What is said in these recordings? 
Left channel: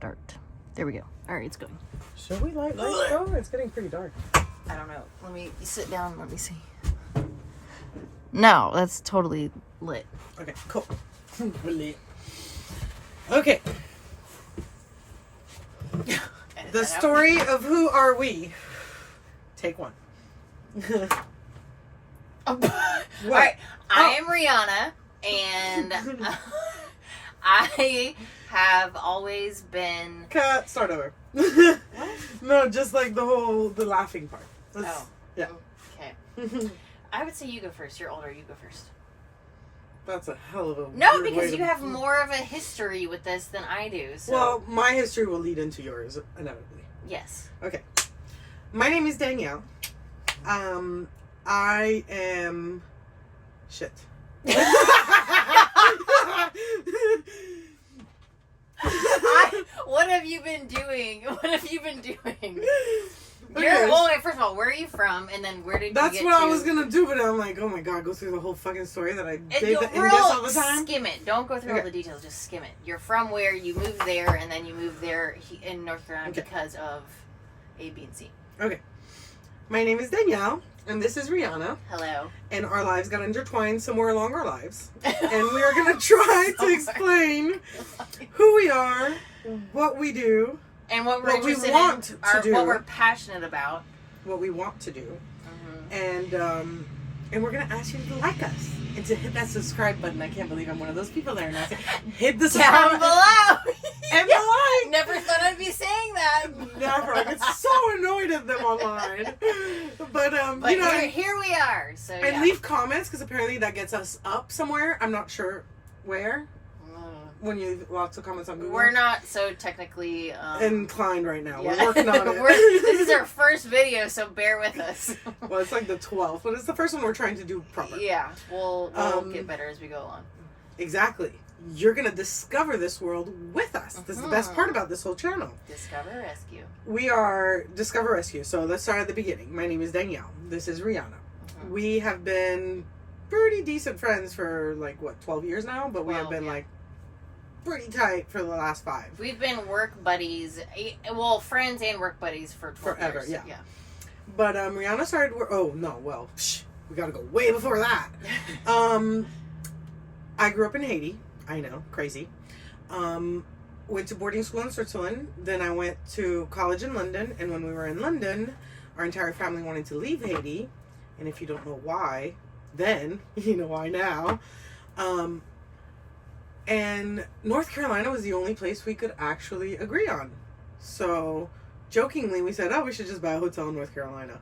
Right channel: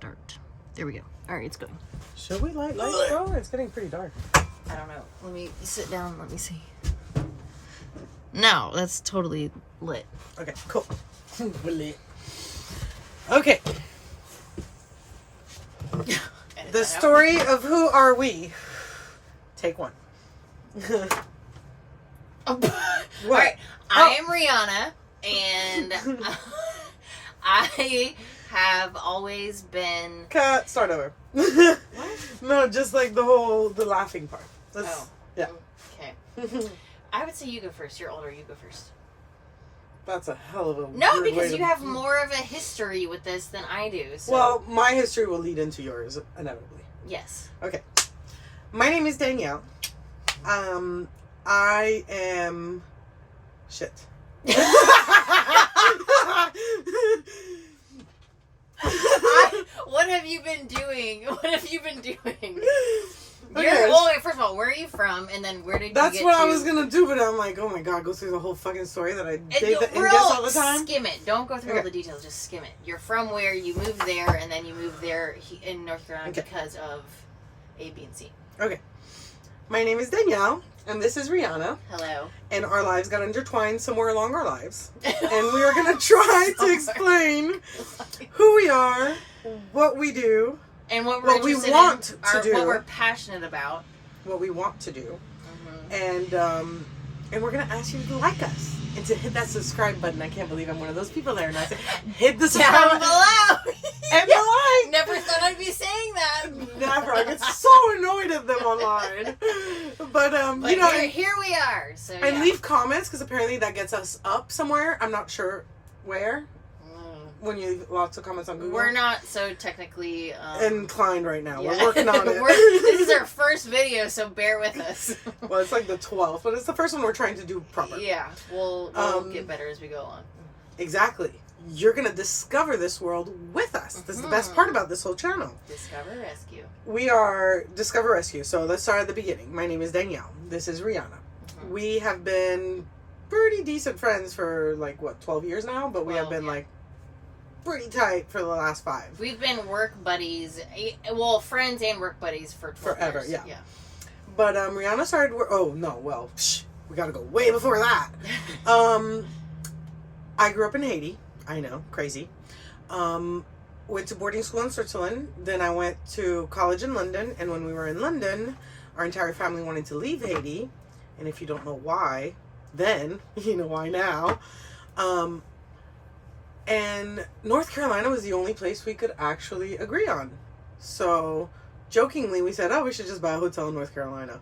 start. There we go. All right, it's going. Should we light lights, bro? It's getting pretty dark. I don't know. Let me sit down. Let me see. No, that's totally lit. Okay, cool. We're lit. Okay. The story of Who Are We? Take one. All right. I am Rihanna, and I have always been... Cut. Start over. No, just like the laughing part. Yeah. Okay. I would say you go first. You're older. You go first. That's a hell of a No, because you have more of a history with this than I do. So. Well, my history will lead into yours, inevitably. Yes. Okay. My name is Danielle. I am... Shit. What have you been doing? What have you been doing? Okay. Well, wait, first of all, where are you from? And then where did you That's get what to? I was going to do, but I'm like, oh my god, go through the whole fucking story that I did all the time. Skim it. Don't go through all the details. Just skim it. You're from where? You moved there, and then you moved there in North Carolina because of A, B, and C. Okay. My name is Danielle, and this is Rihanna. Hello. And our lives got intertwined somewhere along our lives. And we are going to try to explain who we are, what we do, and what we want to do, what we're passionate about, what we want to do, and we're gonna ask you to like us and to hit that subscribe button. I can't believe I'm one of those people there now. Hit the subscribe down below and the like. Never thought I'd be saying that. Never. I get so annoyed at them online. But you know, here we are. So and leave comments because apparently that gets us up somewhere. I'm not sure where. When you leave lots of comments on Google. We're not so technically inclined right now. Yeah. We're working on it. This is our first video, so bear with us. Well, it's like the 12th, but it's the first one we're trying to do proper. Yeah, we'll get better as we go along. Exactly. You're going to discover this world with us. This is the best part about this whole channel. Discover Rescue. We are Discover Rescue. So let's start at the beginning. My name is Danielle. This is Rihanna. We have been pretty decent friends for 12 years now, but we have been pretty tight for the last 5. We've been work buddies, well, friends and work buddies for 12 forever, years. yeah. But Rihanna started we gotta go way before that. I grew up in Haiti. I know, crazy. Went to boarding school in Switzerland. Then I went to college in London. And when we were in London, our entire family wanted to leave Haiti. And if you don't know why, then you know why now. And North Carolina was the only place we could actually agree on. So, jokingly, we said, we should just buy a hotel in North Carolina.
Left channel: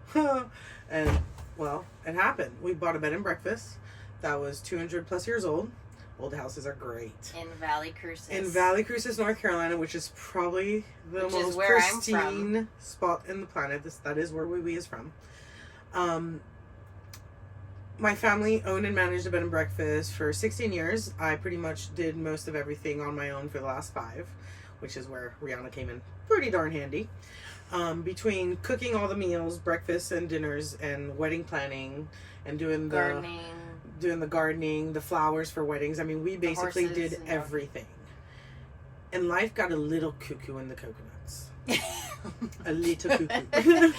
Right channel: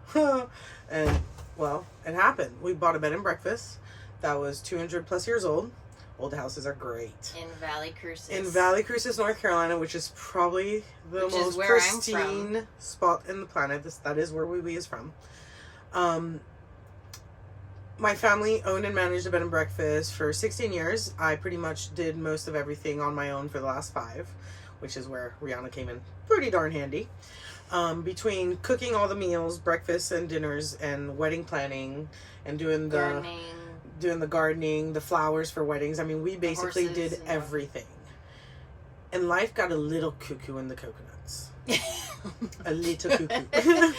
And, well, it happened. We bought a bed and breakfast that was 200 plus years old. Old houses are great. In Valley Cruces. In Valley Cruces, North Carolina, which is probably the most pristine spot in the planet. That is where we is from. My family owned and managed a bed and breakfast for 16 years. I pretty much did most of everything on my own for the last 5, which is where Rihanna came in pretty darn handy. Between cooking all the meals, breakfasts and dinners, and wedding planning, and doing the gardening, the flowers for weddings. I mean, we basically did everything. And life got a little cuckoo in the coconuts. A little cuckoo.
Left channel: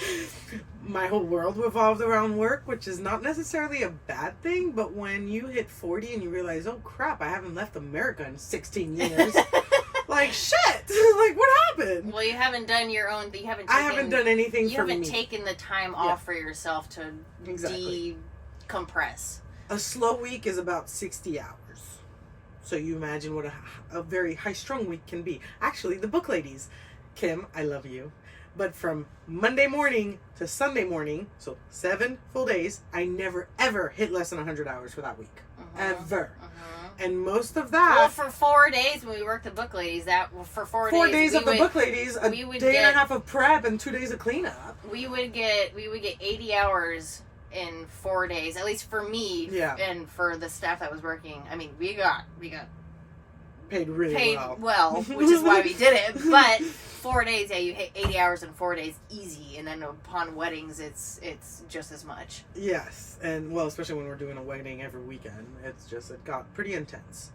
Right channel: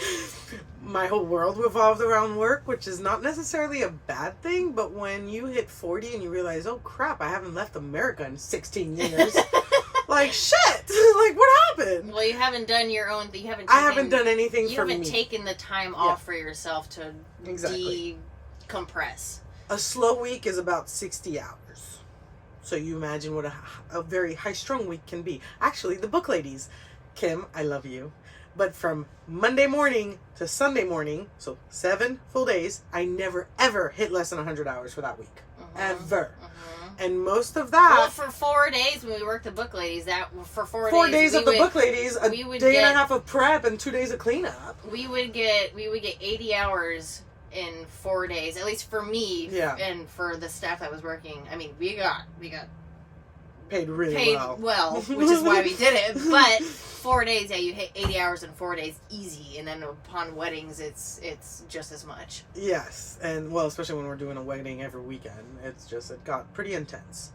My whole world revolved around work, which is not necessarily a bad thing, but when you hit 40 and you realize, oh crap, I haven't left America in 16 years. Shit! What happened? Well, you haven't done your own thing. I haven't done anything for me. You haven't taken the time off for yourself to decompress. A slow week is about 60 hours. So you imagine what a very high-strung week can be. Actually, the book ladies, Kim, I love you. But from Monday morning to Sunday morning, so 7 full days, I never, ever hit less than 100 hours for that week. Ever. And most of that... Well, for 4 days when we worked the book ladies, for 4 days... 4 days of the book ladies, a day and a half of prep and 2 days of cleanup. We would get 80 hours in 4 days, at least for me, and for the staff that was working. I mean, we got paid really well, which is why we did it. But 4 days, you hit 80 hours in 4 days, easy. And then upon weddings, it's just as much. Yes, and well, especially when we're doing a wedding every weekend, it got pretty intense.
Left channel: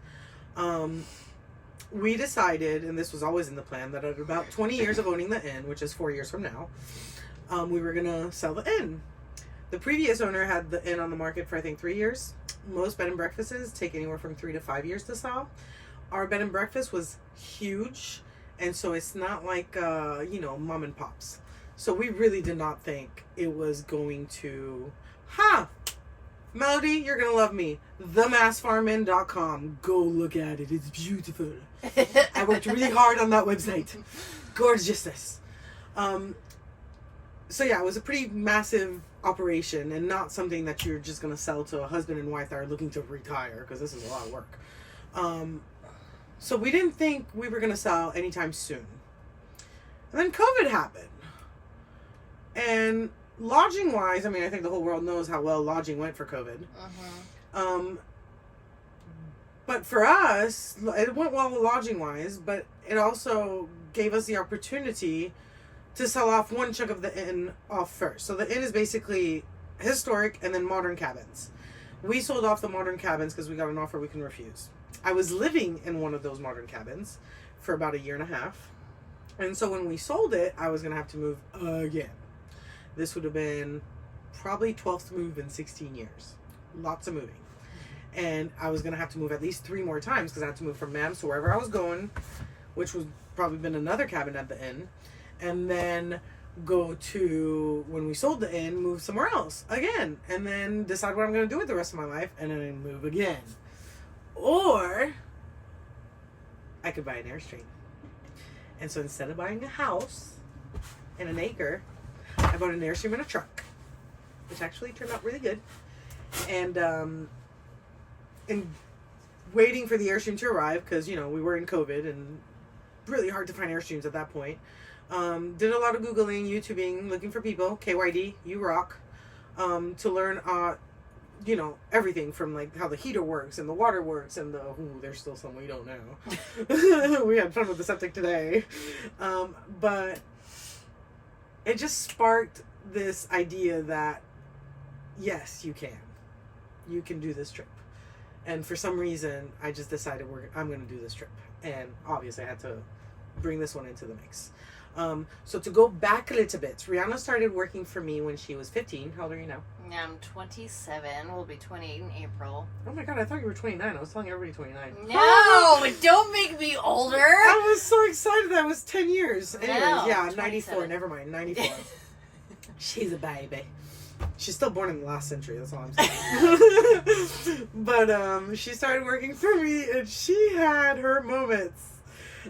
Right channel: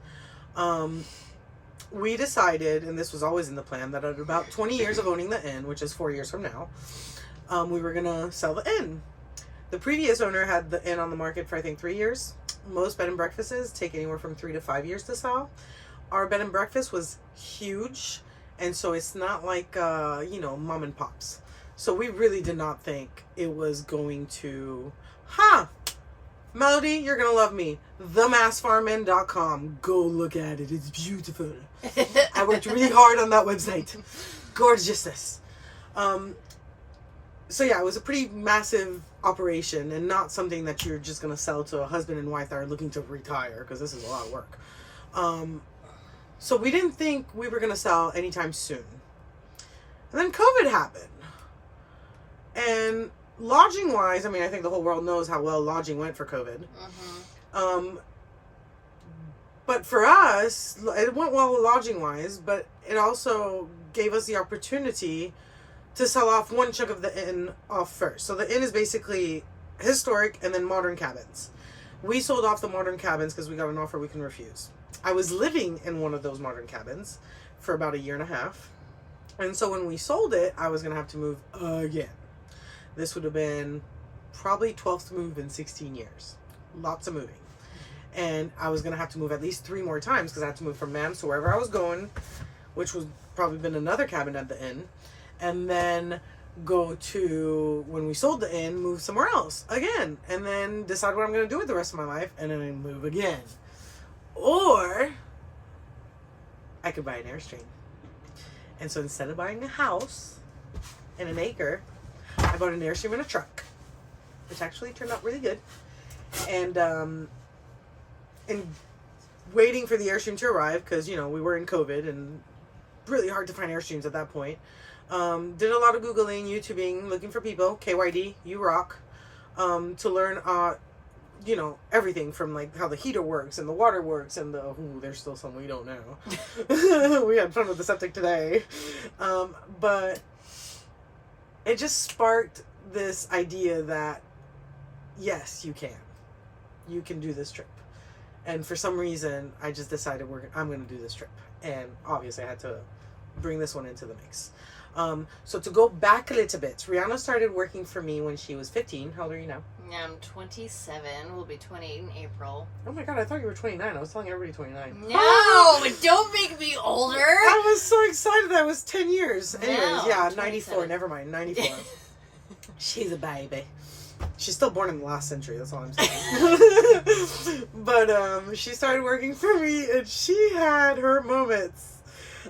we decided, and this was always in the plan, that at about 20 years of owning the inn, which is 4 years from now, we were going to sell the inn. The previous owner had the inn on the market for, I think, 3 years. Most bed and breakfasts take anywhere from 3 to 5 years to sell. Our bed and breakfast was huge, and so it's not like, mom and pops. So we really did not think it was going to... Melody, you're going to love me. TheMassFarmIn.com. Go look at it. It's beautiful. I worked really hard on that website. Gorgeousness. So yeah, it was a pretty massive operation and not something that you're just going to sell to a husband and wife that are looking to retire, because this is a lot of work. So we didn't think we were going to sell anytime soon. And then COVID happened. And lodging wise, I mean, I think the whole world knows how well lodging went for COVID. But for us, it went well lodging wise, but it also gave us the opportunity to sell off one chunk of the inn off first. So the inn is basically historic and then modern cabins. We sold off the modern cabins because we got an offer we can refuse. I was living in one of those modern cabins for about 1.5 years. And so when we sold it, I was going to have to move again. This would have been probably 12th move in 16 years. Lots of moving. And I was going to have to move at least 3 more times because I had to move from NAMS to wherever I was going, which was probably been another cabin at the inn. And then go to, when we sold the inn, move somewhere else again. And then decide what I'm going to do with the rest of my life. And then I move again. Or I could buy an Airstream. And so instead of buying a house and an acre, I bought an Airstream and a truck, which actually turned out really good. And waiting for the Airstream to arrive, because, we were in COVID and really hard to find Airstreams at that point. Did a lot of Googling, YouTubing, looking for people. KYD, you rock. To learn, everything from like how the heater works and the water works and there's still some we don't know. We had fun with the septic today. But it just sparked this idea that yes, you can do this trip. And for some reason, I just decided I'm going to do this trip. And obviously I had to bring this one into the mix. So to go back a little bit, Rihanna started working for me when she was 15. How old are you now? I'm 27. We'll be 28 in April. Oh my God, I thought you were 29. I was telling everybody 29. No, don't make me older. I was so excited that it was 10 years. Anyways, No, yeah, 27. 94. Never mind, 94. She's a baby. She's still born in the last century, that's all I'm saying. But she started working for me and she had her moments.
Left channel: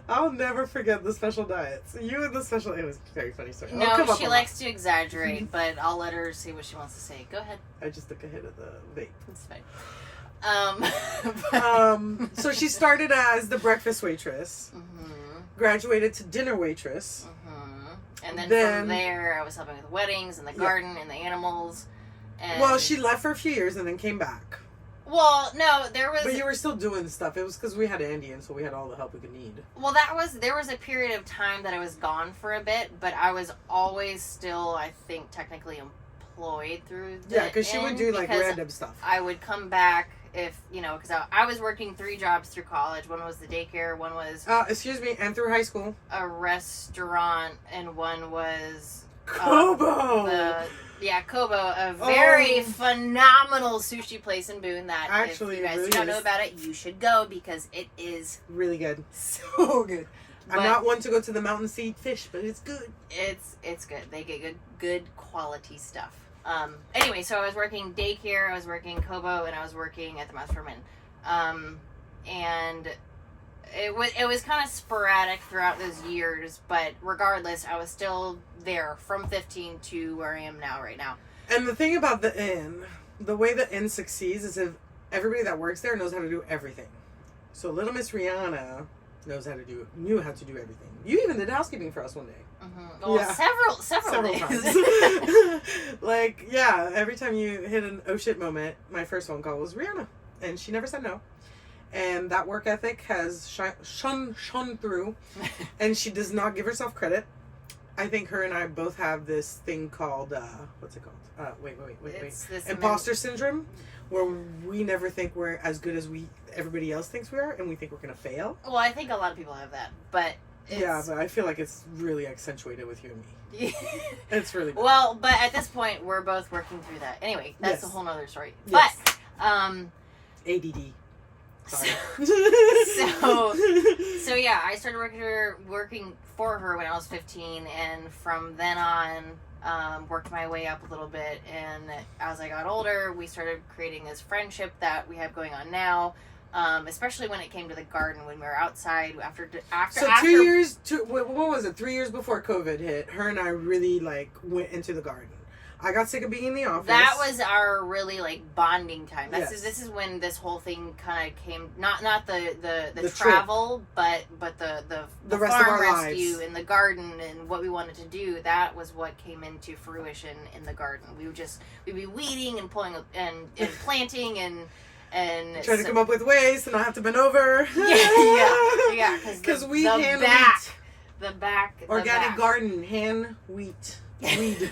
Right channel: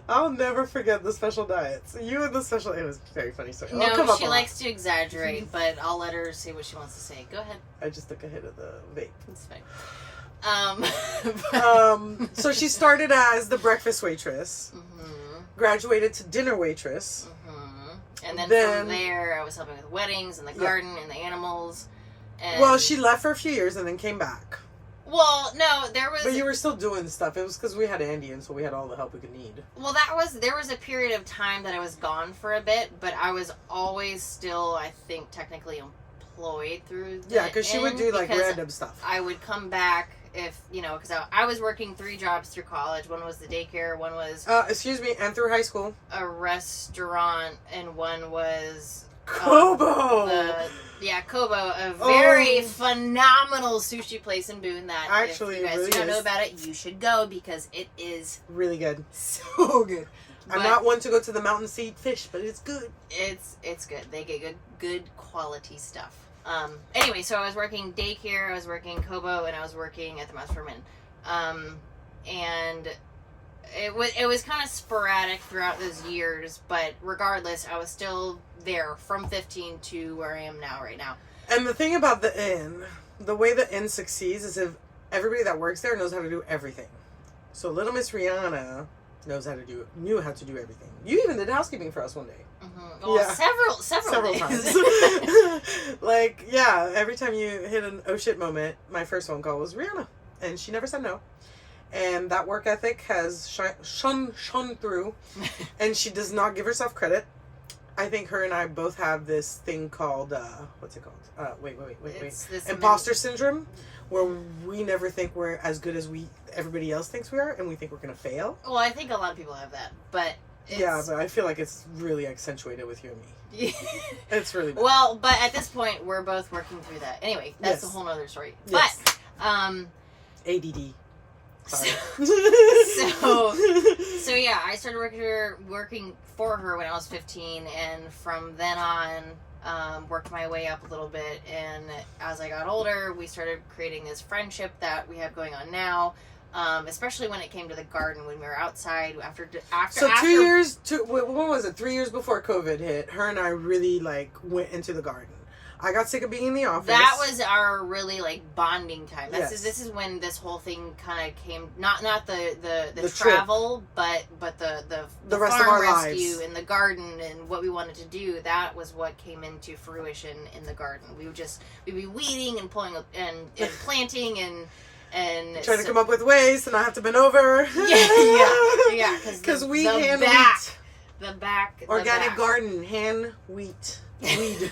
I'll never forget the special diets. You and the special... It was a very funny story. No, she likes to exaggerate, but I'll let her say what she wants to say. Go ahead. I just took a hit of the vape. It's fine. So she started as the breakfast waitress, graduated to dinner waitress. And then from there, I was helping with weddings and the garden and the animals. And well, she left for a few years and then came back. Well, no, there was... But you were still doing stuff. It was because we had Andy, and so we had all the help we could need. Well, there was a period of time that I was gone for a bit, but I was always still, I think, technically employed through the because she would do, like, random stuff. I would come back if, because I was working 3 jobs through college. One was the daycare, one was... and through high school. A restaurant, and one was... Kobo! Kobo, a very phenomenal sushi place in Boone that actually, if you guys really do not know about it, you should go because it is really good. So good. I'm not one to go to the mountain to eat fish, but it's good. It's good. They get good quality stuff. Anyway, so I was working daycare, I was working Kobo, and I was working at the Mass Farm Inn. And it was kind of sporadic throughout those years, but regardless, I was still there from 15 to where I am now, right now. And the thing about the inn, the way the inn succeeds is if everybody that works there knows how to do everything. So little Miss Rihanna knew how to do everything. You even did housekeeping for us one day. Well, several times. Every time you hit an oh shit moment, my first phone call was Rihanna, and she never said no. And that work ethic has shone through, and she does not give herself credit. I think her and I both have this thing called, what's it called? Wait. It's this Imposter syndrome, where we never think we're as good as everybody else thinks we are, and we think we're going to fail. Well, I think a lot of people have that, but yeah, but I feel like it's really accentuated with you and me. It's really bad. Well, but at this point, we're both working through that. Anyway, that's a whole nother story. Yes. But, ADD. so yeah, I started working for her when I was 15, and from then on, worked my way up a little bit. And as I got older, we started creating this friendship that we have going on now. Especially when it came to the garden, when we were outside after. So 2 years. What was it? 3 years before COVID hit, her and I really went into the garden. I got sick of being in the office. That was our really bonding time. Yes. This is when this whole thing kind of came. Not the travel, but the rest farm of our rescue lives. and the garden and what we wanted to do. That was what came into fruition in the garden. We'd be weeding and pulling and planting and trying to come up with ways to not have to bend over. Yeah. Because we hand wheat. Organic garden, hand wheat. Weed,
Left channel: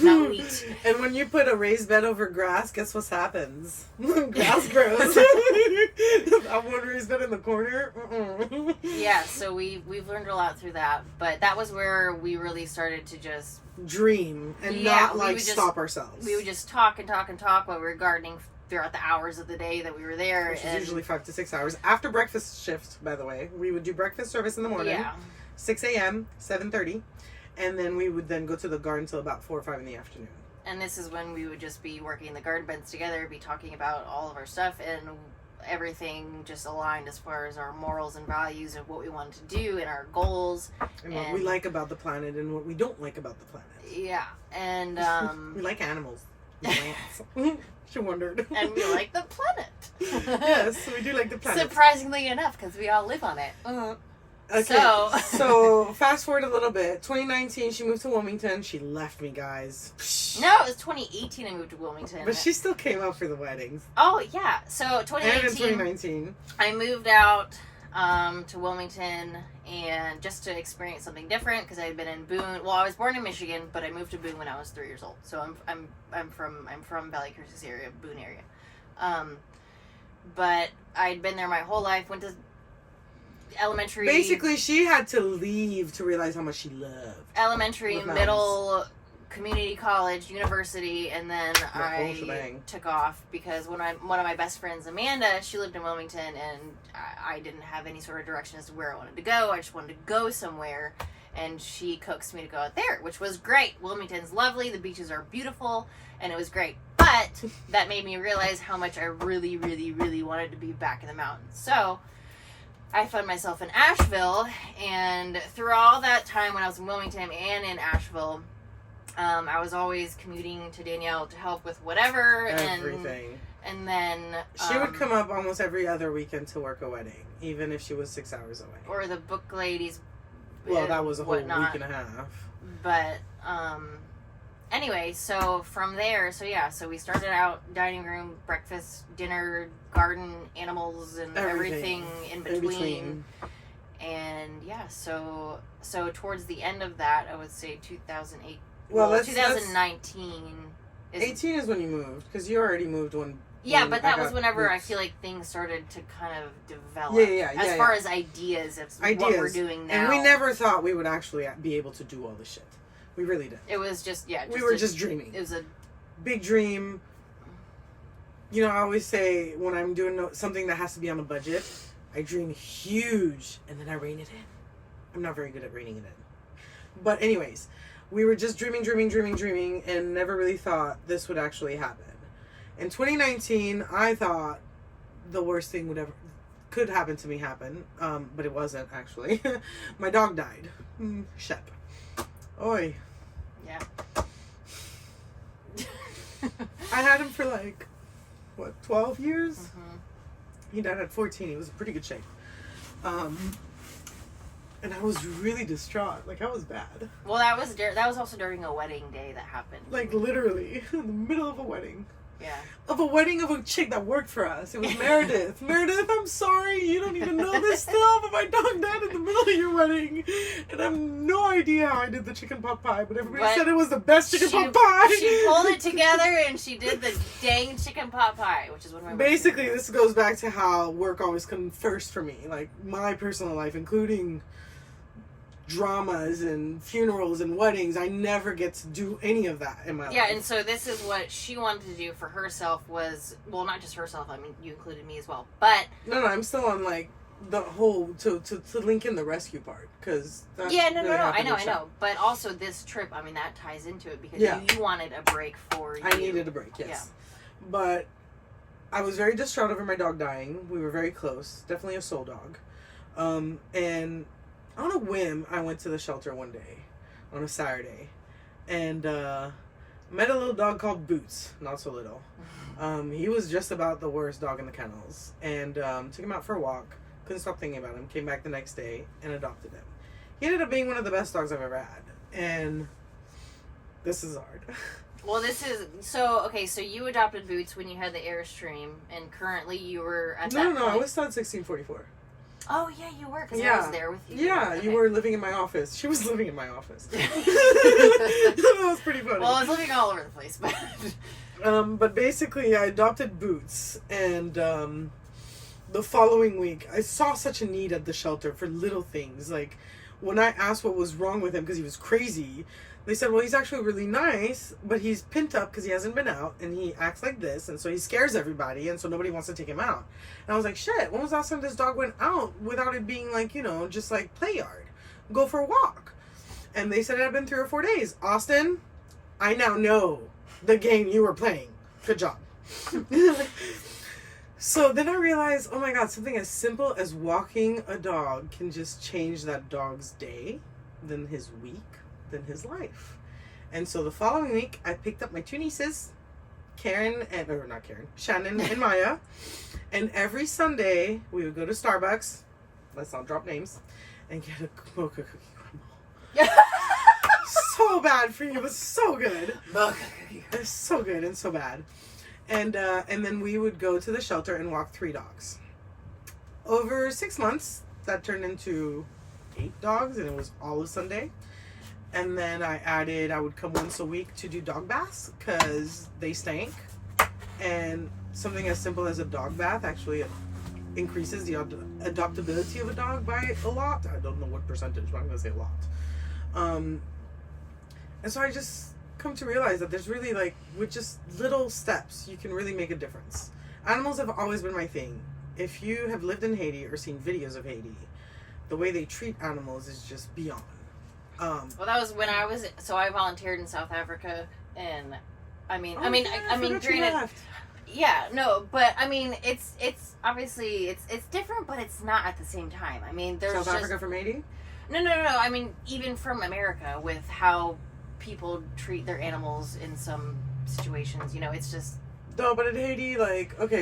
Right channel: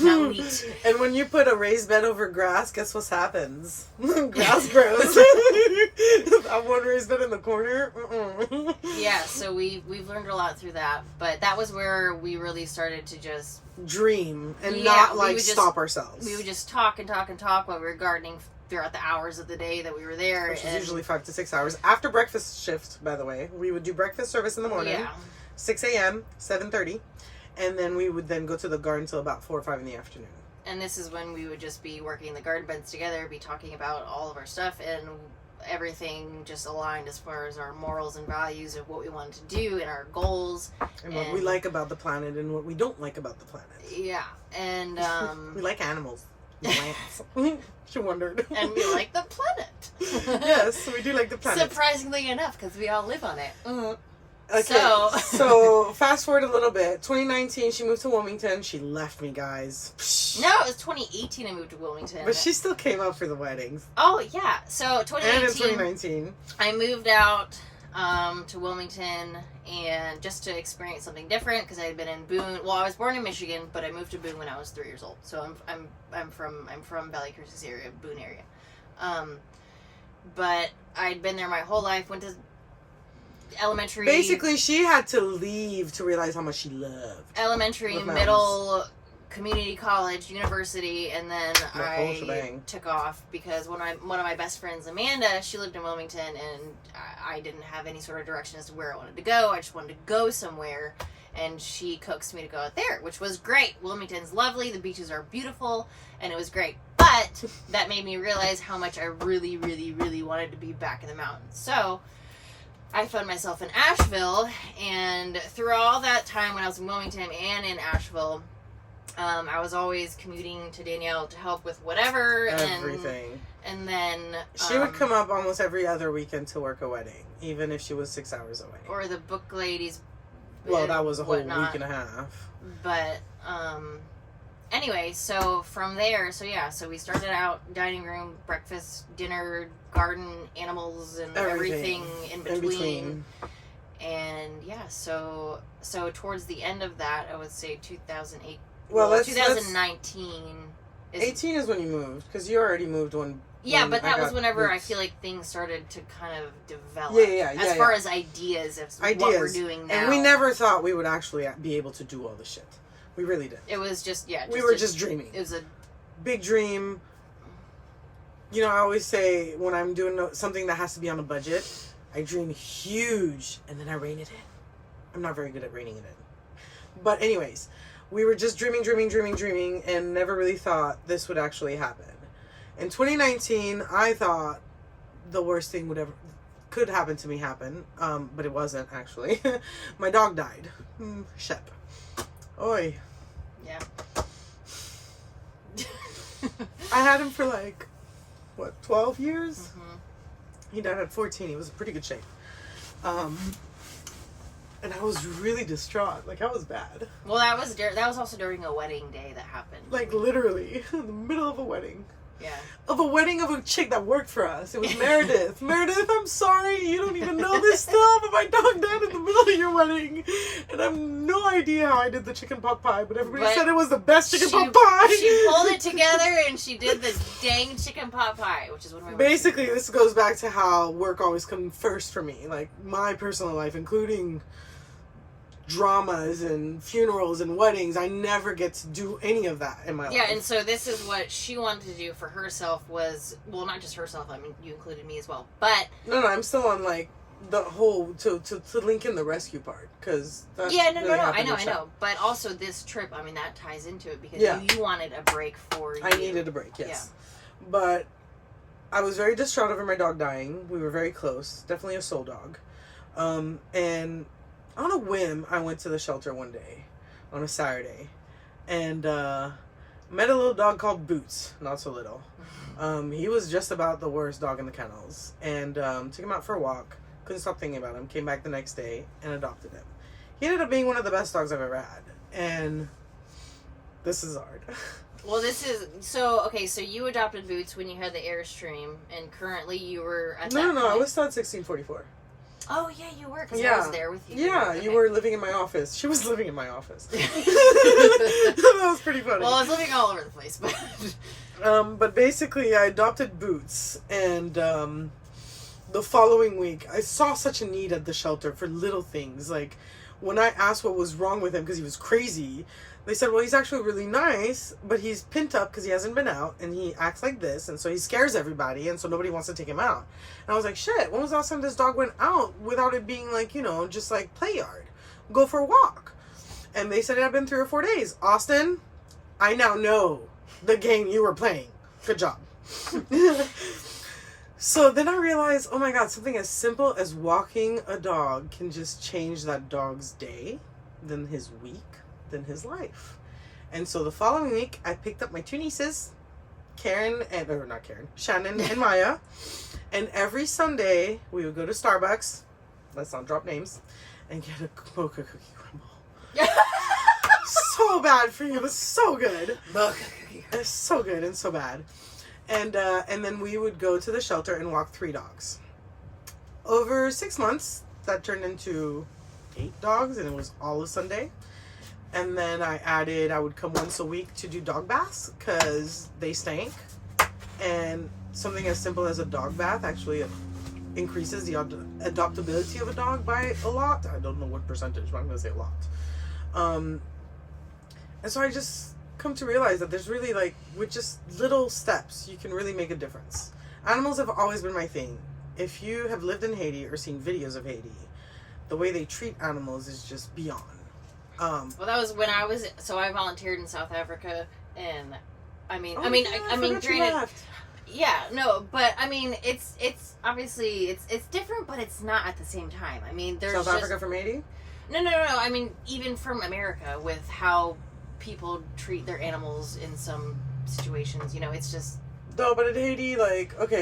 not wheat. And when you put a raised bed over grass, guess what happens? Grass grows. That one raised bed in the corner. Yeah, so we've learned a lot through that, but that was where we really started to just dream and not stop ourselves. We would just talk while we were gardening throughout the hours of the day that we were there. Which is usually 5 to 6 hours. After breakfast shift, by the way. We would do breakfast service in the morning. Yeah. 6 a.m., 7:30. And then we would then go to the garden until about 4 or 5 in the afternoon. And this is when we would just be working the garden beds together, be talking about all of our stuff, and everything just aligned as far as our morals and values of what we wanted to do and our goals. And what we like about the planet and what we don't like about the planet. Yeah. And we like animals. Plants. She wondered. And we like the planet. Yes, we do like the planet. Surprisingly enough, because we all live on it. Okay, so fast forward a little bit. 2019, she moved to Wilmington. She left me, guys. No, it was 2018 I moved to Wilmington. But she still came up for the weddings. Oh, yeah. So 2019. And in 2019. I moved out to Wilmington and just to experience something different because I had been in Boone. Well, I was born in Michigan, but I moved to Boone when I was 3 years old. So I'm from Valley Cruces area, Boone area. But I'd been there my whole life. Went to elementary. Basically, she had to leave to realize how much she loved elementary, middle, community college, university, and then I took off because one of my best friends, Amanda, she lived in Wilmington, and I didn't have any sort of direction as to where I wanted to go. I just wanted to go somewhere, and she coaxed me to go out there, which was great. Wilmington's lovely, the beaches are beautiful, and it was great. But that made me realize how much I really, really, really wanted to be back in the mountains. So I found myself in Asheville, and through all that time when I was in Wilmington and in Asheville, I was always commuting to Danielle to help with whatever. Everything. And then she would come up almost every other weekend to work a wedding, even if she was 6 hours away. Or the book ladies. Well, that was a whole week and a half. But anyway, so from there, so we started out dining room, breakfast, dinner, garden, animals, and everything in between. And yeah, so towards the end of that, I would say 2008. Well, 2019. 18 is when you moved, because you already moved when. Yeah, but that was whenever I feel like things started to kind of develop. As far as ideas of what we're doing now. And we never thought we would actually be able to do all this shit. We really did. It was just, we were just dreaming. It was a big dream. You know, I always say when I'm doing something that has to be on a budget, I dream huge and then I rein it in. I'm not very good at reining it in. But anyways, we were just dreaming and never really thought this would actually happen. In 2019, I thought the worst thing could happen to me happen, but it wasn't actually. My dog died. Shep. Oi. Yeah. I had him for 12 years? Mm-hmm. He died at 14. He was in pretty good shape. And I was really distraught. I was bad. Well, that was also during a wedding day that happened. Literally, in the middle of a wedding. Yeah. Of a wedding of a chick that worked for us. It was Meredith. Meredith, I'm sorry, you don't even know this stuff, but my dog died in the middle of your wedding. And I have no idea how I did the chicken pot pie, but everybody said it was the best chicken pot pie. She pulled it together and she did the dang chicken pot pie, which is one of my Basically, this goes back to how work always comes first for me. Like, my personal life, including dramas and funerals and weddings, I never get to do any of that in my life. Yeah, and so this is what she wanted to do for herself was, well, not just herself, I mean, you included me as well, but... No, I'm still on, like, the whole, to link in the rescue part, because... Yeah, no, I know, but also this trip, I mean, that ties into it, because you wanted a break for you. I needed a break, yes. Yeah. But I was very distraught over my dog dying. We were very close, definitely a soul dog. And... on a whim, I went to the shelter one day, on a Saturday, and met a little dog called Boots, not so little. He was just about the worst dog in the kennels, and took him out for a walk, couldn't stop thinking about him, came back the next day, and adopted him. He ended up being one of the best dogs I've ever had, and this is hard. Well, so you adopted Boots when you had the Airstream, and currently you were at that point. I was still at 1644. Oh, yeah, you were, because I was there with you. Yeah, okay. You were living in my office. She was living in my office. That was pretty funny. Well, I was living all over the place, but... But basically, I adopted Boots, and the following week, I saw such a need at the shelter for little things. Like, when I asked what was wrong with him because he was crazy, they said, well, he's actually really nice, but he's pent up because he hasn't been out, and he acts like this, and so he scares everybody, and so nobody wants to take him out. And I was like, shit, when was the last time this dog went out without it being like, just like play yard? Go for a walk. And they said it had been 3 or 4 days. Austin, I now know the game you were playing. Good job. So then I realized, oh my God, something as simple as walking a dog can just change that dog's day, then his week, than his life. And so the following week, I picked up my 2 nieces, Shannon and Maya, and every Sunday we would go to Starbucks, let's not drop names, and get a mocha cookie crumble. So bad for you, but so good. It's so good and so bad. And then we would go to the shelter and walk 3 dogs. Over 6 months, that turned into 8 dogs, and it was all of Sunday. And then I would come once a week to do dog baths because they stank. And something as simple as a dog bath actually increases the adoptability of a dog by a lot. I don't know what percentage, but I'm going to say a lot. And so I just come to realize that there's really, like, with just little steps, you can really make a difference. Animals have always been my thing. If you have lived in Haiti or seen videos of Haiti, the way they treat animals is just beyond. Well, that was when I volunteered in South Africa, and granted, yeah, no, but I mean, it's obviously it's different, but it's not at the same time. I mean, there's South Africa from Haiti? No. I mean, even from America, with how people treat their animals in some situations, it's just. No, but in Haiti,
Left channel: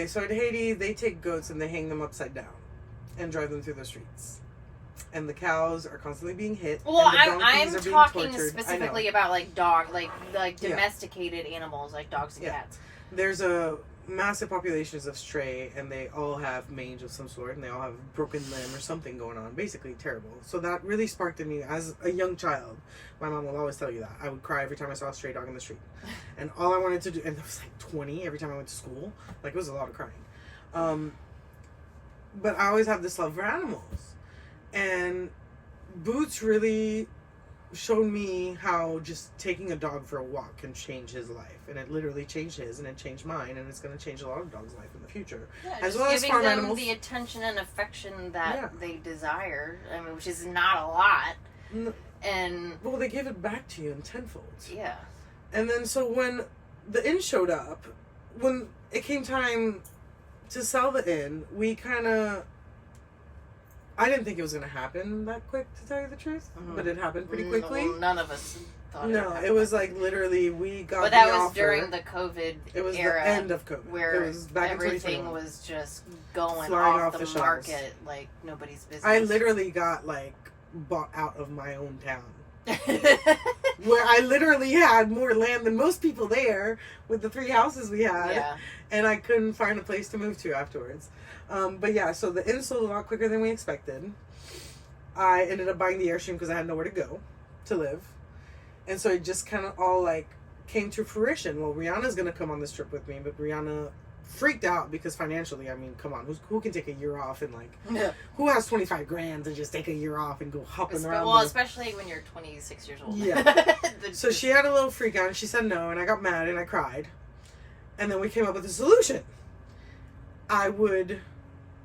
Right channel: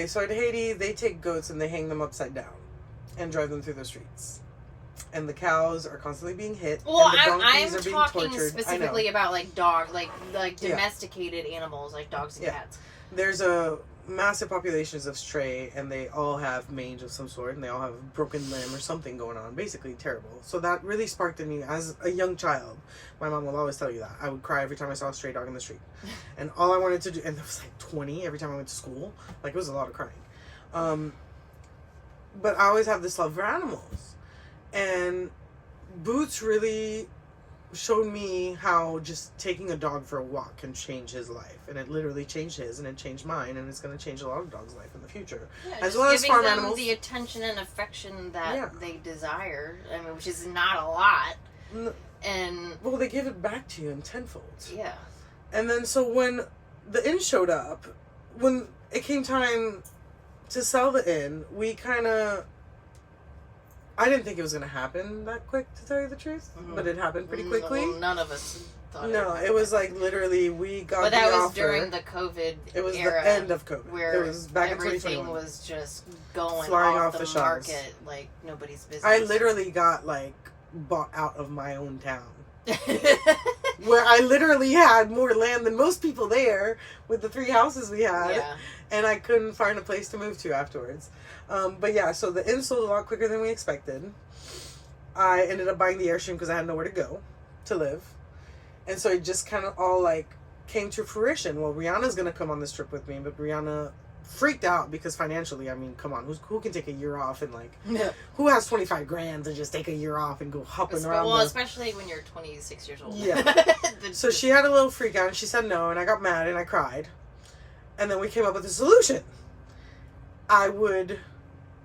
so in Haiti, they take goats and they hang them upside down and drive them through the streets. And the cows are constantly being hit. Well, I'm talking specifically about dog, domesticated animals, like dogs and cats. There's a massive populations of stray, and they all have mange of some sort, and they all have a broken limb or something going on. Basically terrible. So that really sparked in me as a young child. My mom will always tell you that. I would cry every time I saw a stray dog in the street. And all I wanted to do, and there was 20 every time I went to school. It was a lot of crying. But I always have this love for animals. And Boots really showed me how just taking a dog for a walk can change his life. And it literally changed his, and it changed mine, and it's going to change a lot of dogs' life in the future. Yeah, as well as farm them animals. The attention and affection that they desire, which is not a lot. And well, they give it back to you in tenfold. Yeah. And then so when the inn showed up, when it came time to sell the inn, I didn't think it was going to happen that quick, to tell you the truth. Mm-hmm. But it happened pretty quickly. Well, none of us thought it was literally, we got But that was during the COVID It was era, the end of COVID. Where it was back everything was just going flying off the shelves. market like nobody's business. I literally got, bought out of my own town where I literally had more land than most people there with the 3 houses we had. Yeah. And I couldn't find a place to move to afterwards. But yeah, so the inn sold a lot quicker than we expected. I ended up buying the Airstream because I had nowhere to go to live. And so it just kind of all like came to fruition. Well, Rihanna's going to come on this trip with me, but Rihanna freaked out because financially, I mean, come on, who can take a year off and like, who has 25 grand to just take a year off and go hopping around? Well, especially when you're 26 years old. Yeah. So she had a little freak out and she said no, and I got mad and I cried. And then we came up with a solution.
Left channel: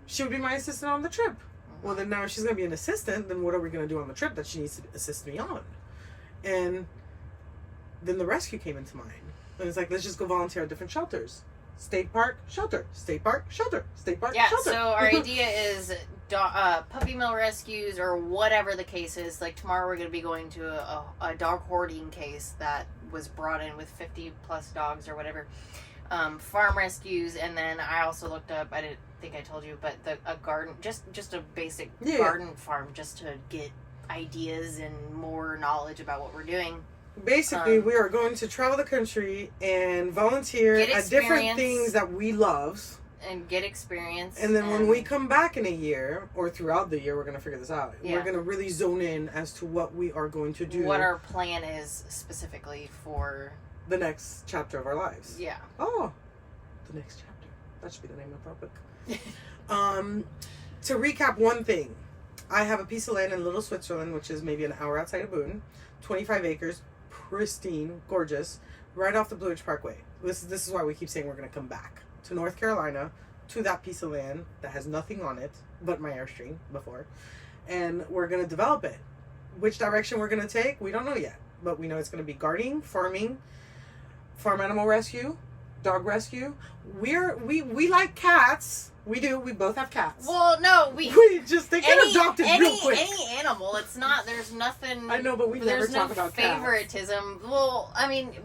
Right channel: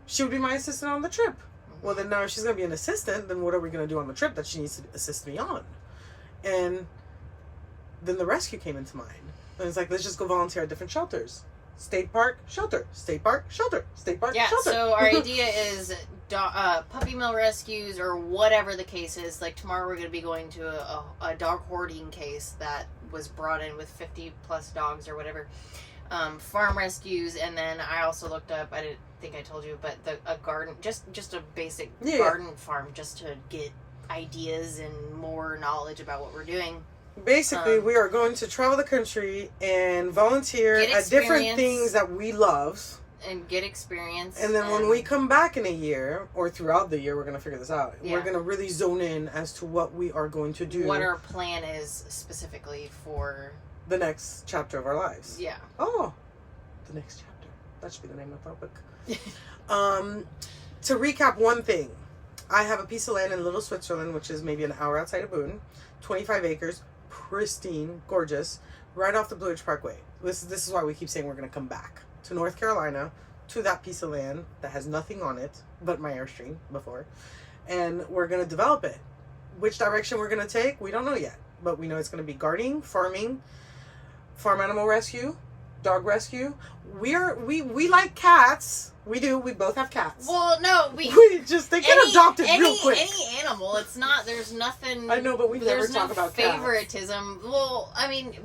She would be my assistant on the trip. Well, then now if she's going to be an assistant, then what are we going to do on the trip that she needs to assist me on? And then the rescue came into mind. And it's like, let's just go volunteer at different shelters. State park, shelter. State park, shelter. State park, shelter. Yeah, so our idea is puppy mill rescues or whatever the case is. Like tomorrow we're going to be going to a dog hoarding case that was brought in with 50 plus dogs or whatever. Farm rescues, and then I also looked up, I didn't think I told you, but a garden, just a basic garden farm, just to get ideas and more knowledge about what we're doing. Basically, we are going to travel the country and volunteer at different things that we love. And get experience. And then when we come back in a year, or throughout the year, we're going to figure this out. Yeah. We're going to really zone in as to what we are going to do. What our plan is specifically for the next chapter of our lives. Yeah. Oh, the next chapter. That should be the name of our book. To recap one thing, I have a piece of land in Little Switzerland, which is maybe an hour outside of Boone, 25 acres, pristine, gorgeous, right off the Blue Ridge Parkway. This is why we keep saying we're going to come back to North Carolina, to that piece of land that has nothing on it but my Airstream before, and we're going to develop it. Which direction we're going to take, we don't know yet, but we know it's going to be gardening, farming, farm animal rescue, dog rescue. We like cats. We do. We both have cats. Well, no, they get adopted real quick. Any animal. It's not. There's nothing. I know, but we never talk about favoritism. Cats. Well, I mean,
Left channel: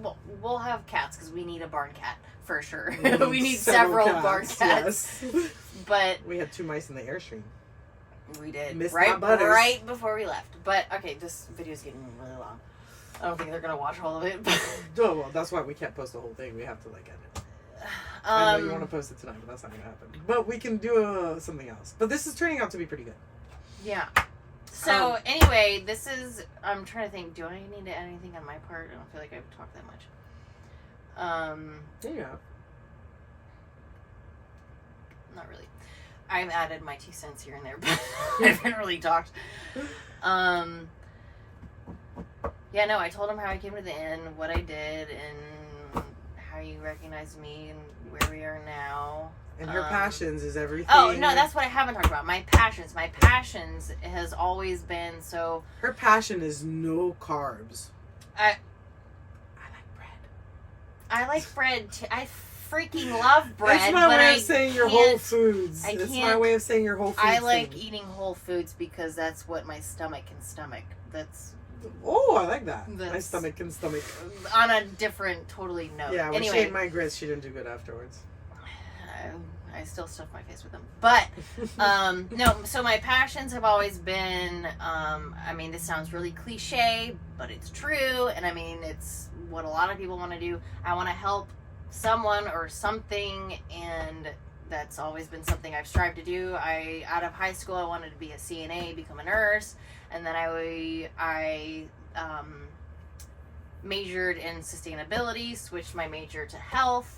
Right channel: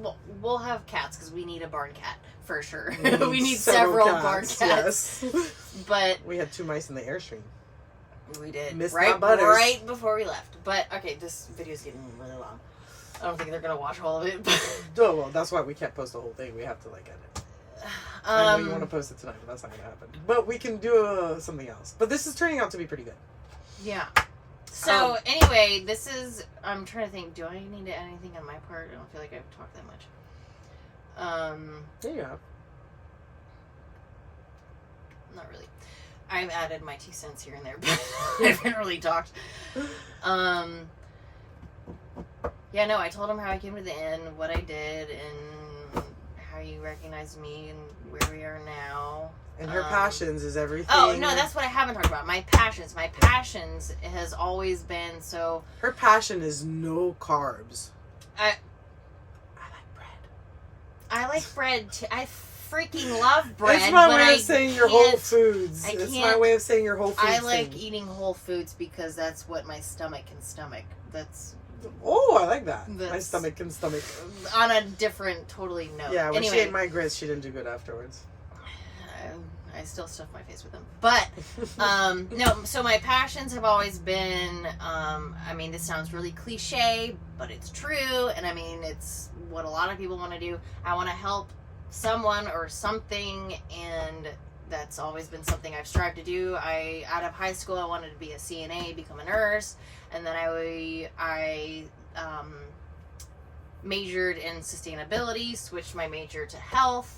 we'll have cats because we need a barn cat for sure. We need several barn cats. Yes. But we had 2 mice in the Airstream. We did. Missed right before we left. But okay, this video's getting really long. I don't think they're gonna watch all of it. Oh well, that's why we can't post the whole thing. We have to edit. I know you want to post it tonight, but that's not going to happen. But we can do something else. But this is turning out to be pretty good. Yeah. So, anyway, I'm trying to think, do I need to add anything on my part? I don't feel like I've talked that much. Yeah, you have. Not really. I've added my 2 cents here and there, but I haven't really talked. Yeah, no, I told him how I came to the inn, what I did, and how you recognize me and where we are now. And her passions is everything. Oh, no, that's what I haven't talked about. My passions. My passions has always been so... Her passion is no carbs. I like bread. I like bread, too. I freaking love bread. It's my way of saying your Whole Foods. It's my way of saying your Whole Foods. I like eating Whole Foods because that's what my stomach can stomach. That's... Oh, I like that. My stomach can stomach. On a different, totally note. Yeah, when she ate my grits, she didn't do good afterwards. I still stuff my face with them. But, no, so my passions have always been, I mean, this sounds really cliche, but it's true. And I mean, it's what a lot of people want to do. I want to help someone or something, and that's always been something I've strived to do. Out of high school, I wanted to be a CNA, become a nurse. And then I majored in sustainability, switched my major to health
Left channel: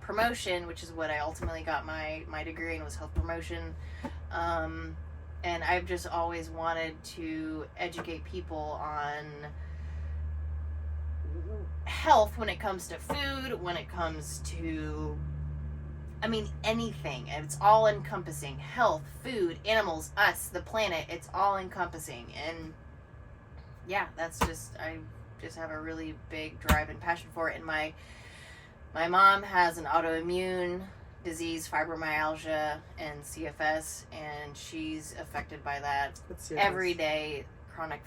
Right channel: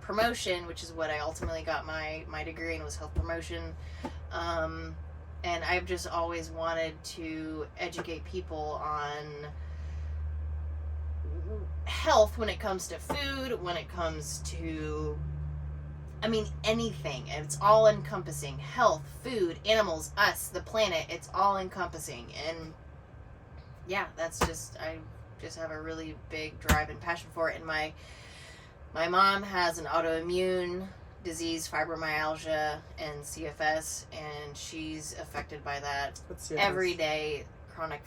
promotion, which is what I ultimately got my degree in, was health promotion. And I've just always wanted to educate people on health when it comes to food, when it comes to... I mean, anything. It's all encompassing. Health, food, animals, us, the planet. It's all encompassing. And yeah, that's just, I just have a really big drive and passion for it. And my mom has an autoimmune disease, fibromyalgia, and CFS, and she's affected by that every day. Chronic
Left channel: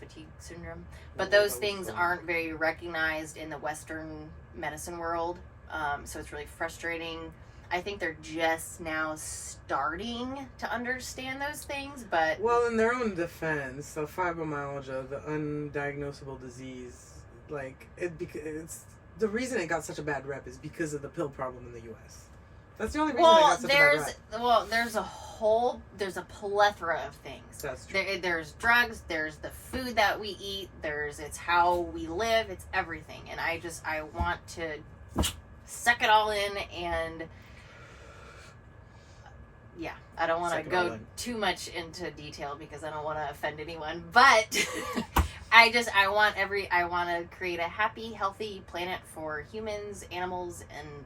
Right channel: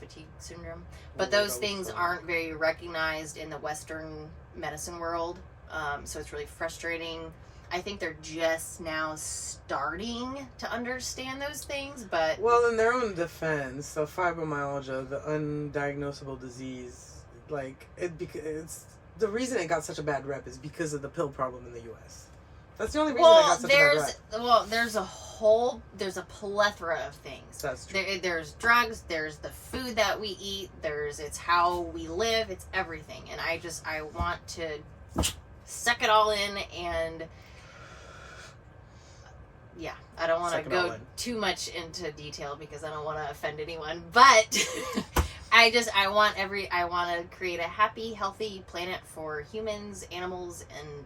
fatigue syndrome. But those things aren't very recognized in the Western medicine world. So it's really frustrating. I think they're just now starting to understand those things, but... Well, in their own defense, the fibromyalgia, the undiagnosable disease, like, it's the reason it got such a bad rep is because of the pill problem in the U.S. That's the only reason it got such a bad rep. Well, there's a plethora of things. That's true. There's drugs, there's the food that we eat, it's how we live, it's everything. And I want to suck it all in, and yeah, I don't want to go too much into detail because I don't want to offend anyone, but I want to create a happy, healthy planet for humans, animals, and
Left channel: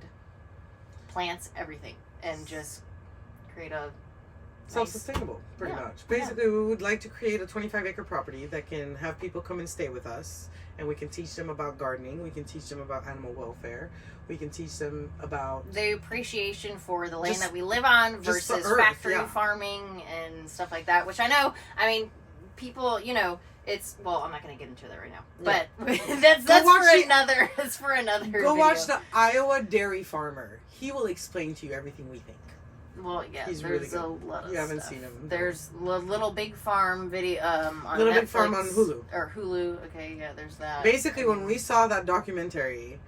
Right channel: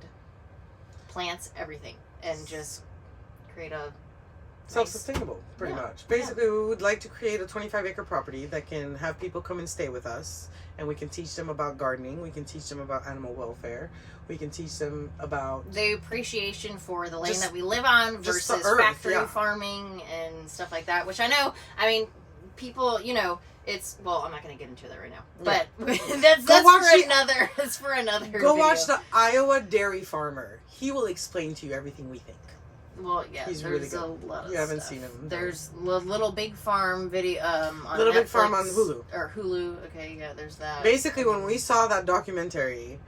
plants, everything, and just create a self-sustainable, pretty much. Basically, we would like to create a 25-acre property that can have people come and stay with us, and we can teach them about gardening, we can teach them about animal welfare, we can teach them about the appreciation for the land that we live on versus factory farming and stuff like that, which I know, I mean, people, you know, I'm not going to get into that right now, but that's for another Go video. watch the Iowa Dairy Farmer. He will explain to you everything we think. Well, yeah, he's there's really good. A lot of You haven't stuff. seen him. There's Little Big Farm video on Little Netflix, Big Farm on Hulu. Or Hulu, okay, yeah, there's that. Basically, when we saw that documentary,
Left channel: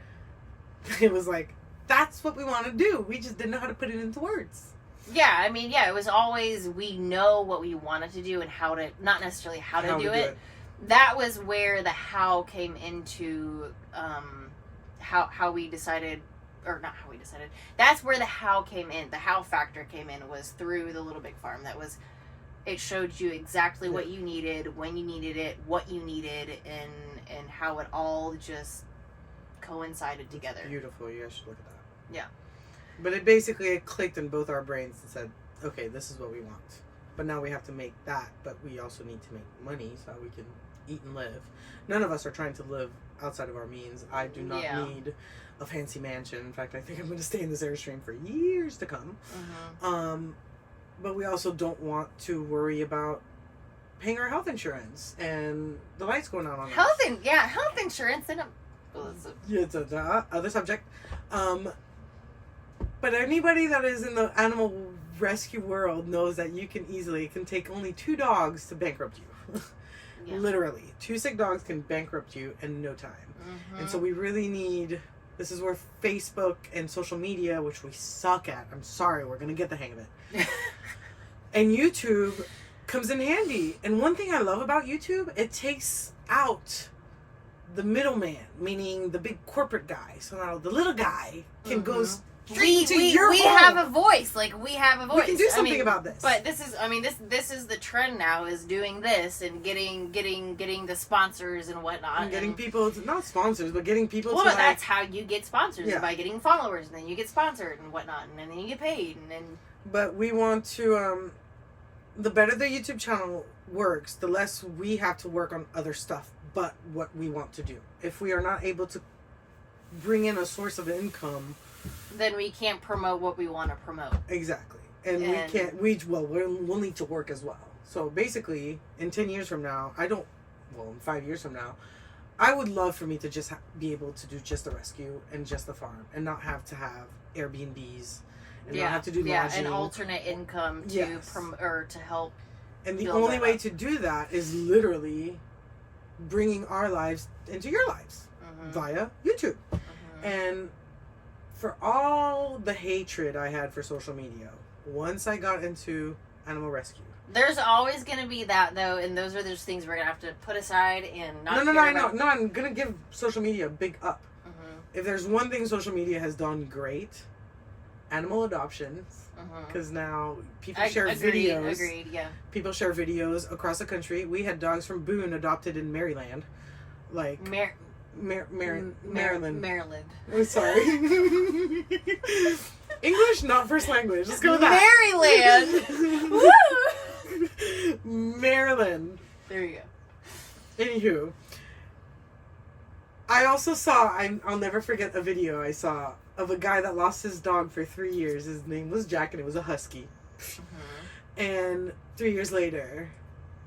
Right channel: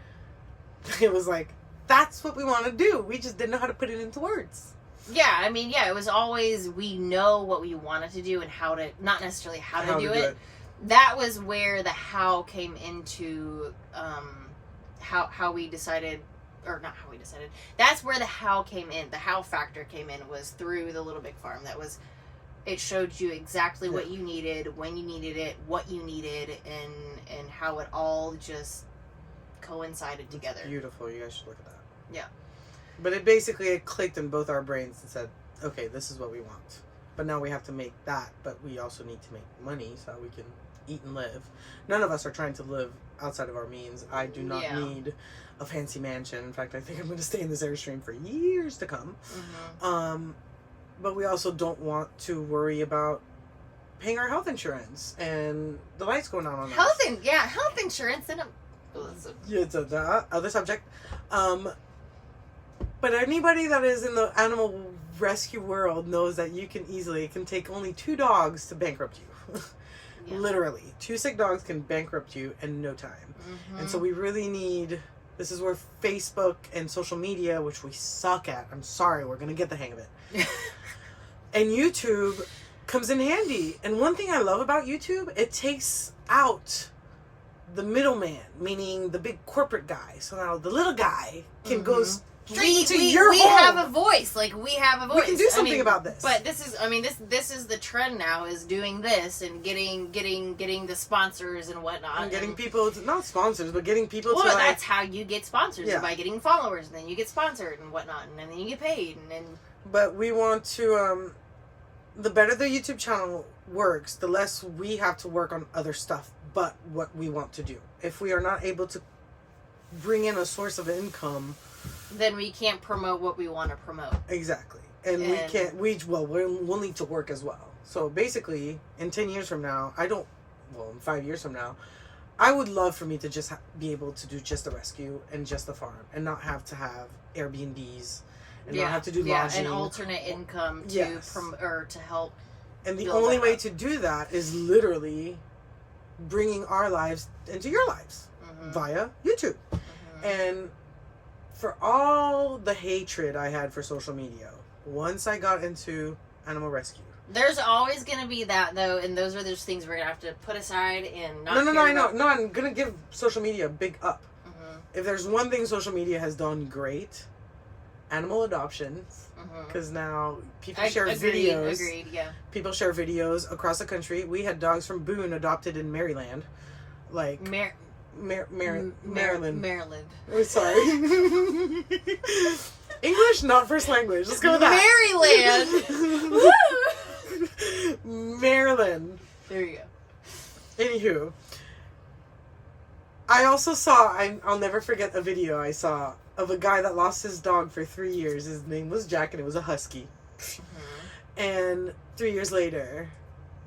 it was like, that's what we want to do. We just didn't know how to put it into words. Yeah, I mean, yeah, it was always, we know what we wanted to do and how to, not necessarily how to do it. That was where the how came into, how we decided, or not how we decided. That's where the how came in. The how factor came in was through the Little Big Farm. It showed you exactly what you needed, when you needed it, what you needed, and how it all just coincided together. It's beautiful. You guys should look at that. Yeah. But it clicked in both our brains and said, okay, this is what we want. But now we have to make that, but we also need to make money so we can eat and live. None of us are trying to live outside of our means. I do not need a fancy mansion. In fact, I think I'm going to stay in this Airstream for years to come. Mm-hmm. But we also don't want to worry about paying our health insurance and the lights going out on us. Health insurance and it's a other subject. But anybody that is in the animal rescue world knows that it can take only 2 dogs to bankrupt you. Yeah. Literally. 2 sick dogs can bankrupt you in no time. Mm-hmm. And so we really need, this is where Facebook and social media, which we suck at, I'm sorry, we're going to get the hang of it. And YouTube comes in handy. And one thing I love about YouTube, it takes out the middleman, meaning the big corporate guy. So now the little guy can go straight to your home. We have a voice. Like, we have a voice. We can do something about this. But this is the trend now, is doing this and getting the sponsors and whatnot. And getting people to, not sponsors, but getting people to, well, that's how you get sponsors, by getting followers, and then you get sponsored and whatnot, and then you get paid, and then... But we want to, the better the YouTube channel works, the less we have to work on other stuff but what we want to do. If we are not able to bring in a source of income, then we can't promote what we want to promote. Exactly. And we'll need to work as well. So basically, in 10 years from now, in 5 years from now, I would love for me to just be able to do just the rescue and just the farm and not have to have Airbnbs and not have to do lodging. An alternate income to to help. And the only way to do that is literally bringing our lives into your lives via YouTube. Mm-hmm. And for all the hatred I had for social media, once I got into animal rescue, there's always going to be that, though, and those are those things we're going to have to put aside and not. No, I know. No, I'm going to give social media a big up. Mm-hmm. If there's one thing social media has done great, animal adoptions. Because now people share videos. Agreed, yeah. People share videos across the country. We had dogs from Boone adopted in Maryland. Like... Maryland. Maryland. Oh, sorry. English, not first language. Let's go with that. Maryland. Maryland. There you go. Anywho, I also saw, I'll never forget a video I saw of a guy that lost his dog for 3 years. His name was Jack, and it was a husky. Mm-hmm. And 3 years later,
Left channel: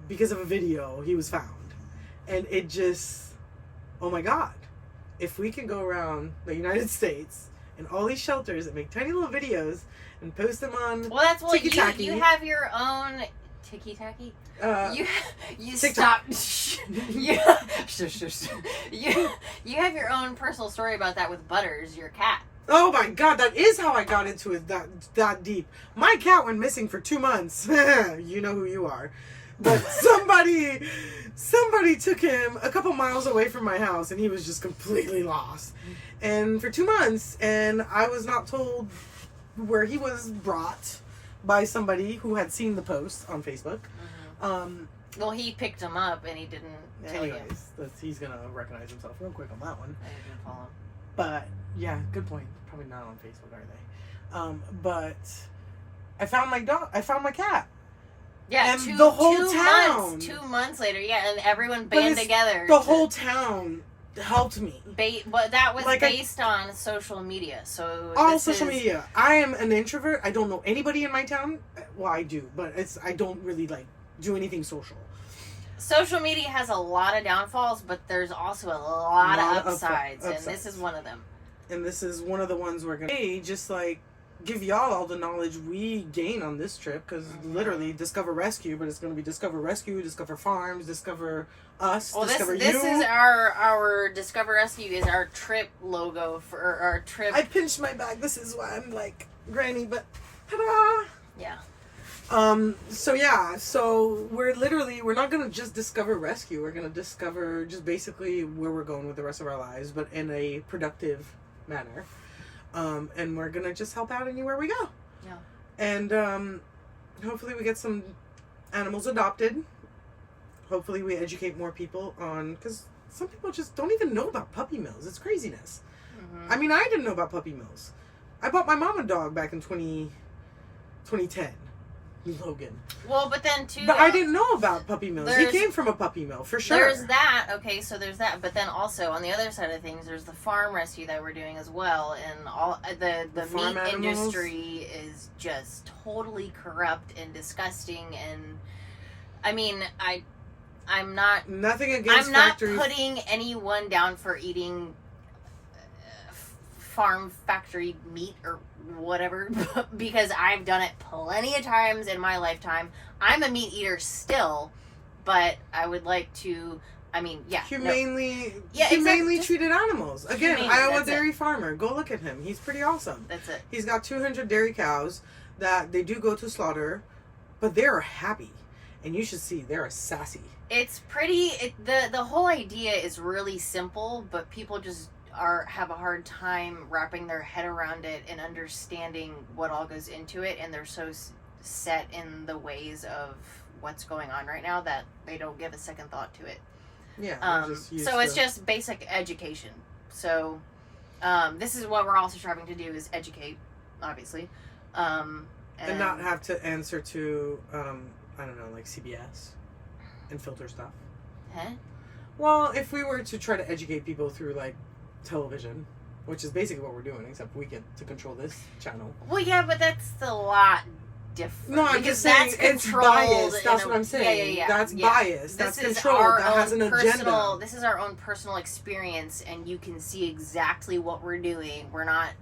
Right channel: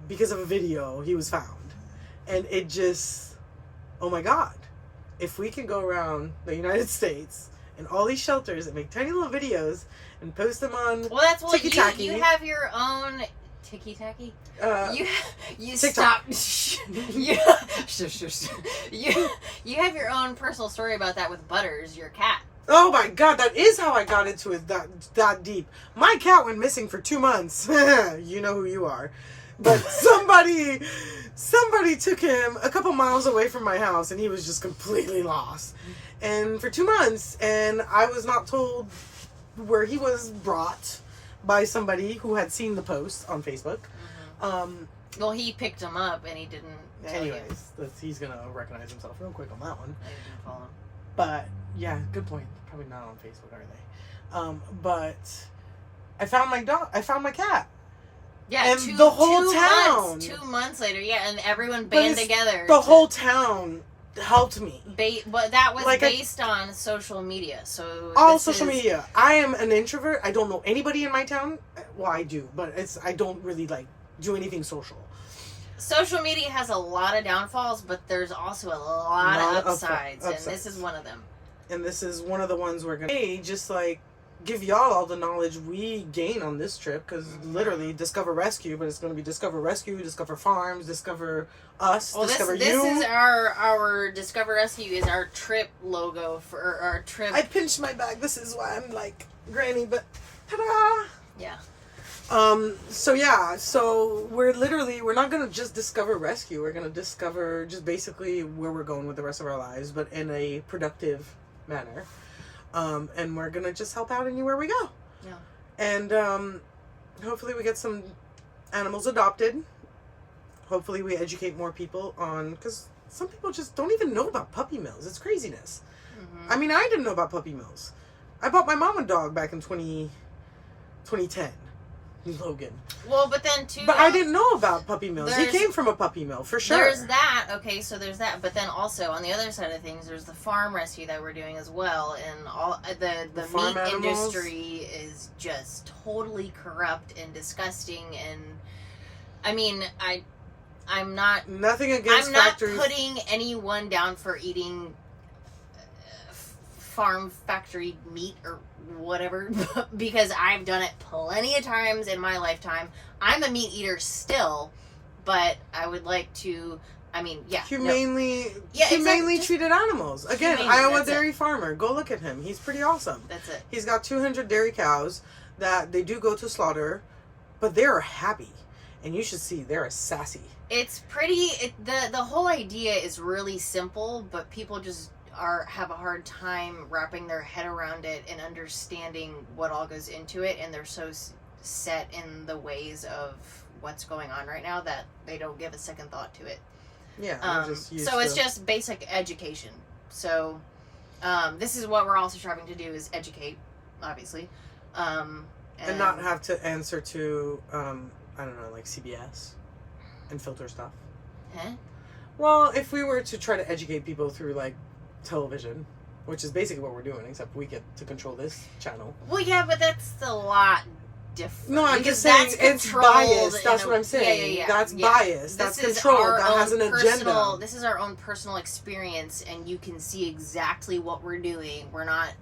because of a video, he was found. And it just... Oh my God, if we can go around the United States in all these shelters and make tiny little videos and post them on Well, that's what Tiki-Taki. you have your own Tiki-Taki? You TikTok. stop. you have your own personal story about that with Butters, your cat. Oh my god, that is how I got into it that deep. My cat went missing for 2 months. You know who you are. But somebody took him a couple miles away from my house and he was just completely lost. And for 2 months, and I was not told where he was brought by somebody who had seen the post on Facebook. Well, he picked him up and he didn't tell you. Anyways, he's gonna recognize himself real quick on that one. I didn't call him. But yeah, good point. Probably not on Facebook, are they? But I found my dog. I found my cat. Yeah, and the whole town. 2 months later, yeah, and everyone banded together. The whole town helped me. But that was Like based on social media. So all social media. I am an introvert. I don't know anybody in my town. Well, I do, but I don't really like do anything social. Social media has a lot of downfalls, but there's also a lot of upsides, and this is one of them. And this is one of the ones we're gonna just like give y'all all the knowledge we gain on this trip, because literally Discover Rescue, but it's going to be Discover Rescue, Discover Farms, Discover Us, well, Discover this You. This is our Discover Rescue is our trip logo for our trip. I pinched my back. This is why I'm like granny, but ta-da! Yeah. So we're not going to just discover rescue. We're going to discover just basically where we're going with the rest of our lives, but in a productive manner. And we're going to just help out anywhere we go. Yeah. And, hopefully we get some animals adopted. Hopefully we educate more people on, because some people just don't even know about puppy mills. It's craziness. Mm-hmm. I mean, I didn't know about puppy mills. I bought my mom a dog back in 2010. Logan. Well, but then too. But I didn't know about puppy mills. He came from a puppy mill for sure. There's that. Okay, so there's that. But then also on the other side of things, there's the farm rescue that we're doing as well, and all the meat industry is just totally corrupt and disgusting. And I mean, I'm not nothing against. I'm not factories. putting anyone down for eating farm factory meat or whatever, because I've done it plenty of times in my lifetime. I'm a meat eater still, but I would like to, humanely treated animals. Again, Iowa dairy farmer. Go look at him. He's pretty awesome. That's it. He's got 200 dairy cows that they do go to slaughter, but they're happy. And you should see, they're sassy. It's pretty, the whole idea is really simple, but people just have a hard time wrapping their head around it and understanding what all goes into it, and they're so set in the ways of what's going on right now that they don't give a second thought to it. Yeah. So it's just basic education. So this is what we're also striving to do, is educate, obviously, and not have to answer to I don't know, like CBS and filter stuff. Huh? Well, if we were to try to educate people through like television, which is basically what we're doing, except we get to control this channel. Well, yeah, but that's a lot different. No, I'm just saying it's biased. That's what I'm saying. Yeah. That's biased. That's control. That has an agenda. This is our own personal experience, and you can see exactly what we're doing. We're not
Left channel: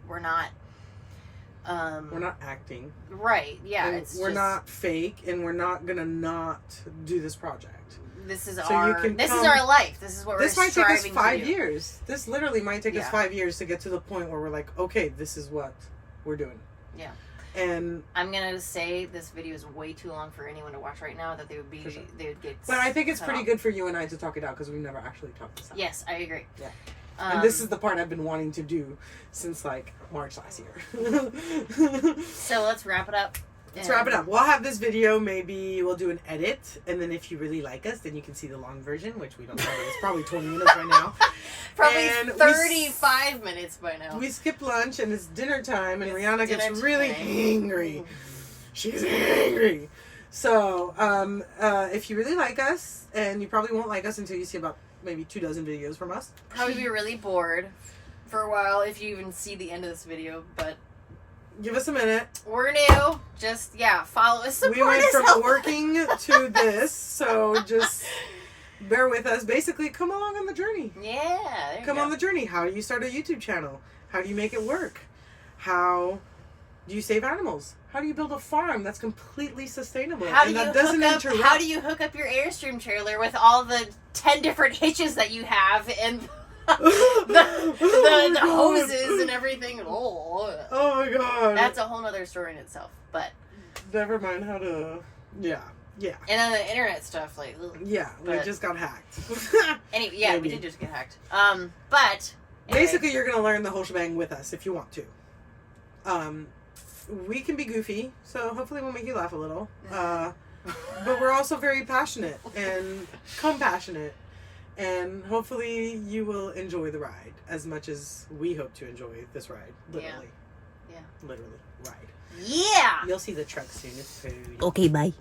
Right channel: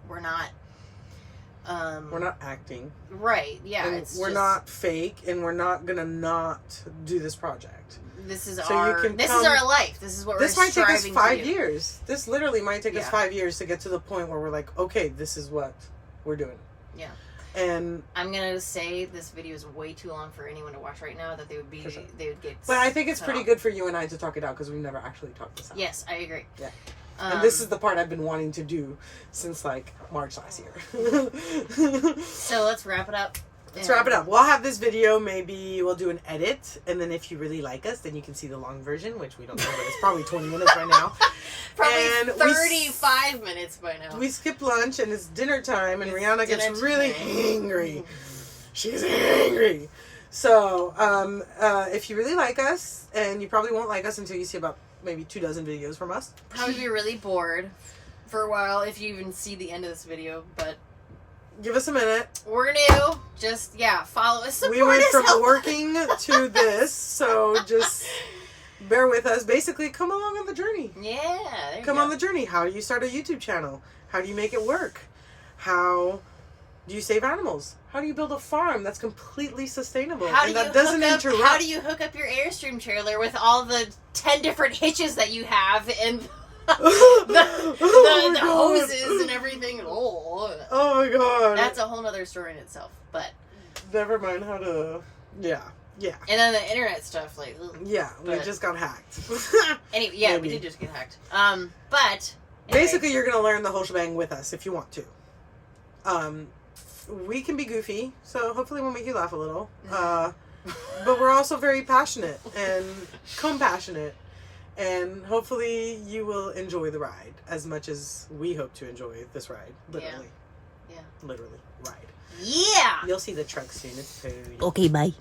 acting. Right. Yeah. We're not fake, and we're not gonna not do this project. This is our life. This is what we're striving to do. This might take us 5 years. This literally might take us 5 years to get to the point where we're like, okay, this is what we're doing. Yeah. And I'm gonna say this video is way too long for anyone to watch right now. That they would get. But I think it's pretty good for you and I to talk it out, because we've never actually talked this out. Yes, I agree. Yeah. And this is the part I've been wanting to do since like March last year. So let's wrap it up. Let's wrap it up. We'll have this video. Maybe we'll do an edit, and then if you really like us, then you can see the long version, which we don't know, but it's probably 20 minutes by now. Probably 35 minutes by now. We skipped lunch, and it's dinner time, and Rihanna gets really angry. She's angry. So, if you really like us, and you probably won't like us until you see about maybe 24 videos from us. Probably be really bored for a while if you even see the end of this video, but give us a minute. We're new. Just, follow us. We went from working to this, so just bear with us. Basically, come along on the journey. Yeah. Come on the journey. How do you start a YouTube channel? How do you make it work? How do you save animals? How do you build a farm that's completely sustainable How do and that you doesn't hook up? interrupt? How do you hook up your Airstream trailer with all the 10 different hitches that you have and the hoses and everything? Oh my god. That's a whole nother story in itself. But never mind how to. Yeah. and then the internet stuff, like Yeah, we but- just got hacked. anyway, yeah, Maybe. we did just get hacked. But anyway. Basically, you're gonna learn the whole shebang with us if you want to. We can be goofy, so hopefully we'll make you laugh a little. But we're also very passionate and compassionate, and hopefully you will enjoy the ride as much as we hope to enjoy this ride. Literally. Yeah. Literally. Ride. Yeah. You'll see the truck soon. It's very... Okay, bye.